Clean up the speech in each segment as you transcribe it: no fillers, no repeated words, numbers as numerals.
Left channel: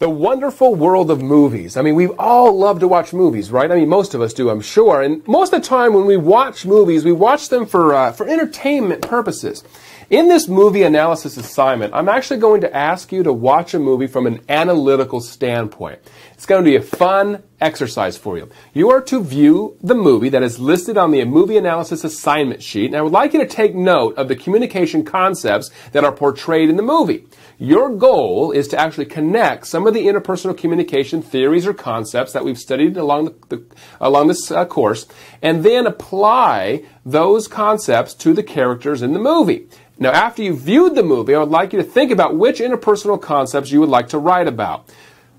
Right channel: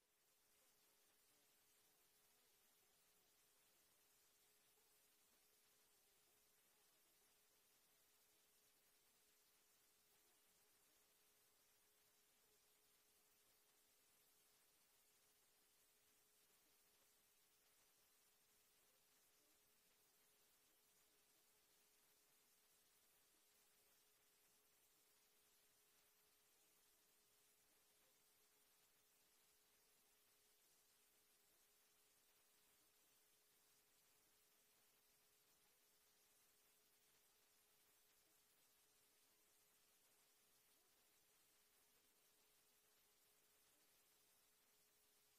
The wonderful world of movies. I mean, we all love to watch movies, right? I mean, most of us do, I'm sure. And most of the time when we watch movies, we watch them for entertainment purposes. In this movie analysis assignment, I'm actually going to ask you to watch a movie from an analytical standpoint. It's going to be a fun exercise for you. You are to view the movie that is listed on the movie analysis assignment sheet, and I would like you to take note of the communication concepts that are portrayed in the movie. Your goal is to actually connect some of the interpersonal communication theories or concepts that we've studied along this course, and then apply those concepts to the characters in the movie. Now, after you've viewed the movie, I would like you to think about which interpersonal concepts you would like to write about.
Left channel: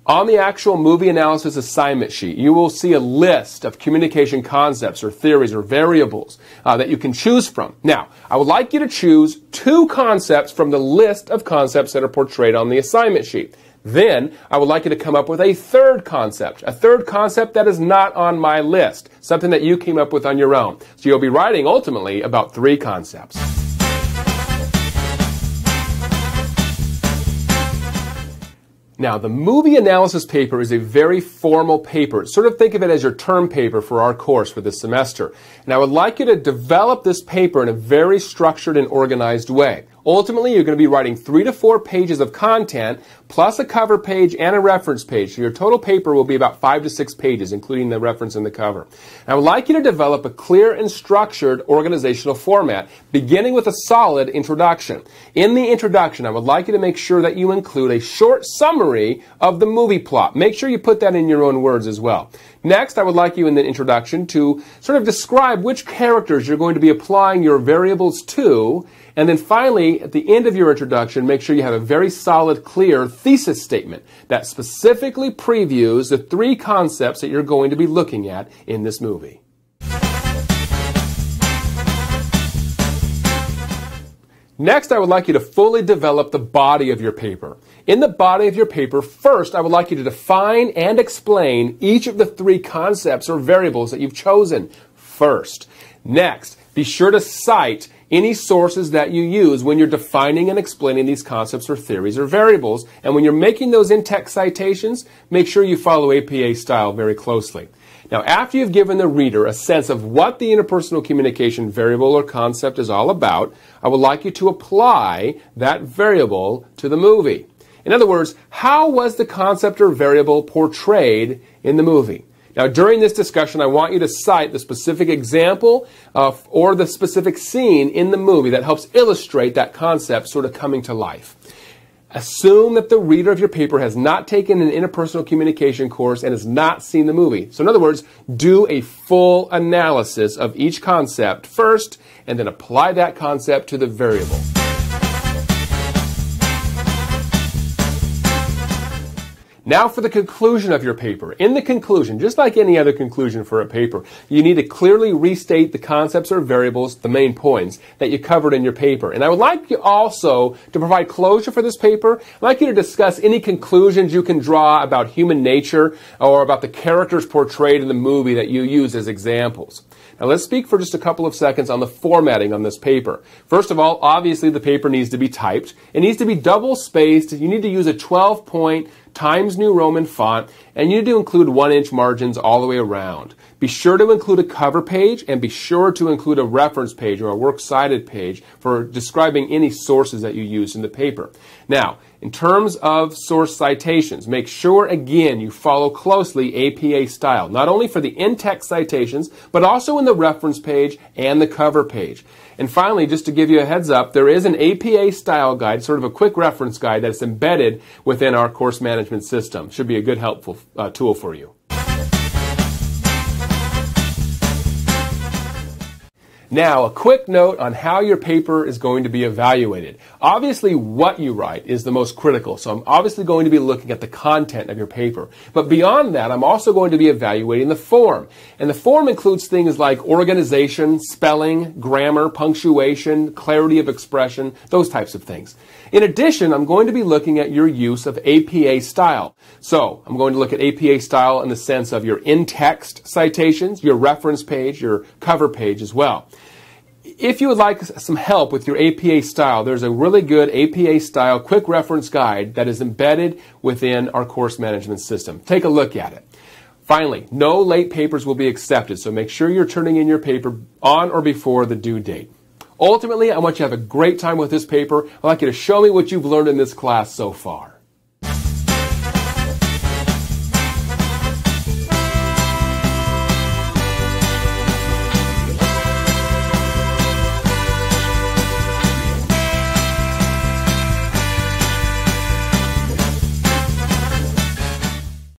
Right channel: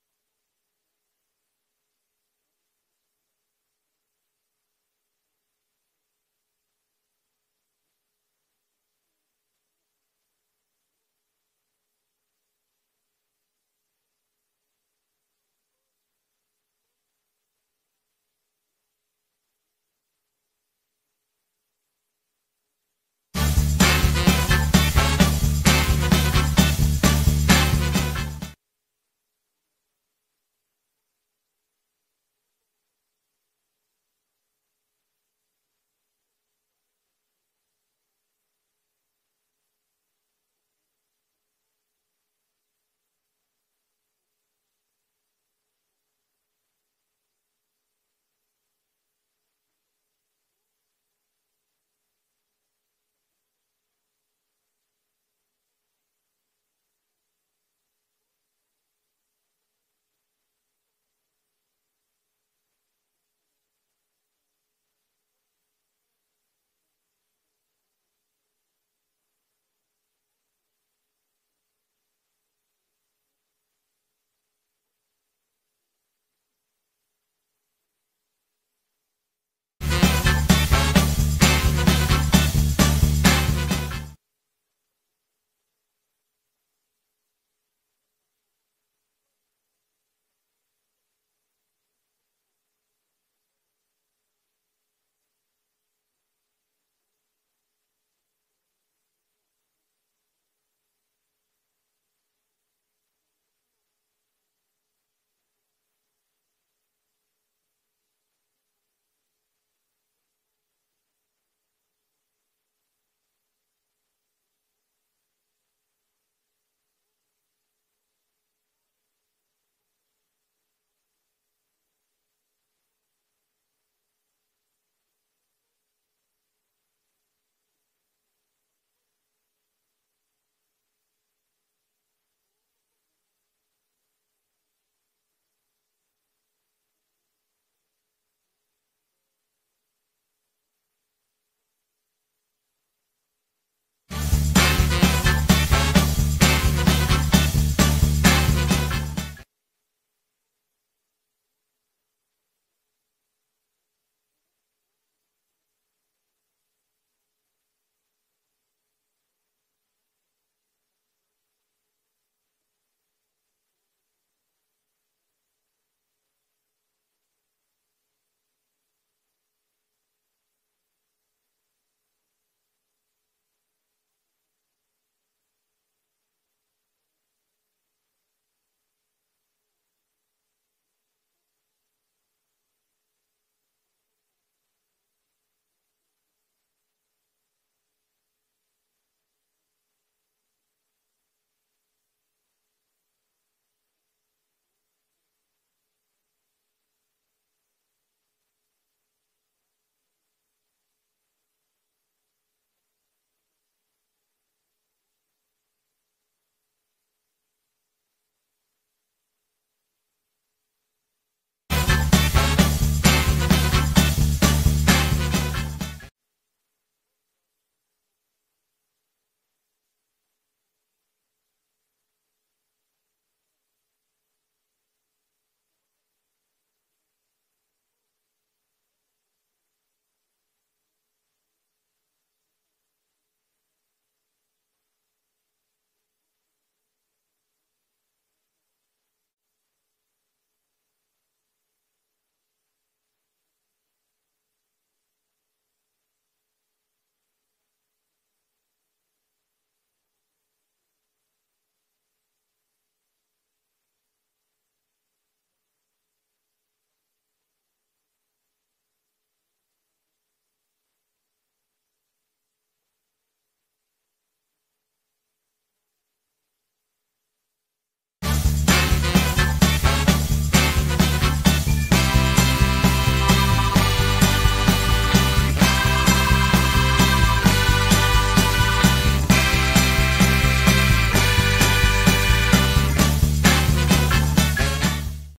On the actual movie analysis assignment sheet, you will see a list of communication concepts or theories or variables that you can choose from. Now, I would like you to choose 2 concepts from the list of concepts that are portrayed on the assignment sheet. Then, I would like you to come up with a third concept that is not on my list, something that you came up with on your own. So you'll be writing ultimately about 3 concepts. Now, the movie analysis paper is a very formal paper. Sort of think of it as your term paper for our course for this semester. And I would like you to develop this paper in a very structured and organized way. Ultimately, you're going to be writing 3 to 4 pages of content, plus a cover page and a reference page. So your total paper will be about 5 to 6 pages, including the reference and the cover. And I would like you to develop a clear and structured organizational format, beginning with a solid introduction. In the introduction, I would like you to make sure that you include a short summary of the movie plot. Make sure you put that in your own words as well. Next, I would like you in the introduction to sort of describe which characters you're going to be applying your variables to. And then finally, at the end of your introduction, make sure you have a very solid, clear thesis statement that specifically previews the 3 concepts that you're going to be looking at in this movie. Next, I would like you to fully develop the body of your paper. In the body of your paper, first, I would like you to define and explain each of the 3 concepts or variables that you've chosen first. Next, be sure to cite any sources that you use when you're defining and explaining these concepts or theories or variables. And when you're making those in-text citations, make sure you follow APA style very closely. Now, after you've given the reader a sense of what the interpersonal communication variable or concept is all about, I would like you to apply that variable to the movie. In other words, how was the concept or variable portrayed in the movie? Now, during this discussion, I want you to cite the specific example or the specific scene in the movie that helps illustrate that concept sort of coming to life. Assume that the reader of your paper has not taken an interpersonal communication course and has not seen the movie. So in other words, do a full analysis of each concept first and then apply that concept to the variable. Now for the conclusion of your paper. In the conclusion, just like any other conclusion for a paper, you need to clearly restate the concepts or variables, the main points, that you covered in your paper. And I would like you also to provide closure for this paper. I'd like you to discuss any conclusions you can draw about human nature or about the characters portrayed in the movie that you use as examples. Now let's speak for just a couple of seconds on the formatting on this paper. First of all, obviously the paper needs to be typed. It needs to be double-spaced. You need to use a 12-point Times New Roman font, and you need to include 1-inch margins all the way around. Be sure to include a cover page, and be sure to include a reference page or a works cited page for describing any sources that you use in the paper. Now, in terms of source citations, make sure, again, you follow closely APA style, not only for the in-text citations, but also in the reference page and the cover page. And finally, just to give you a heads up, there is an APA style guide, sort of a quick reference guide that's embedded within our course management system. Should be a good, helpful tool for you. Now, a quick note on how your paper is going to be evaluated. Obviously, what you write is the most critical, so I'm obviously going to be looking at the content of your paper. But beyond that, I'm also going to be evaluating the form. And the form includes things like organization, spelling, grammar, punctuation, clarity of expression, those types of things. In addition, I'm going to be looking at your use of APA style. So, I'm going to look at APA style in the sense of your in-text citations, your reference page, your cover page as well. if you would like some help with your APA style, there's a really good APA style quick reference guide that is embedded within our course management system. Take a look at it. Finally, no late papers will be accepted, so make sure you're turning in your paper on or before the due date. Ultimately, I want you to have a great time with this paper. I'd like you to show me what you've learned in this class so far.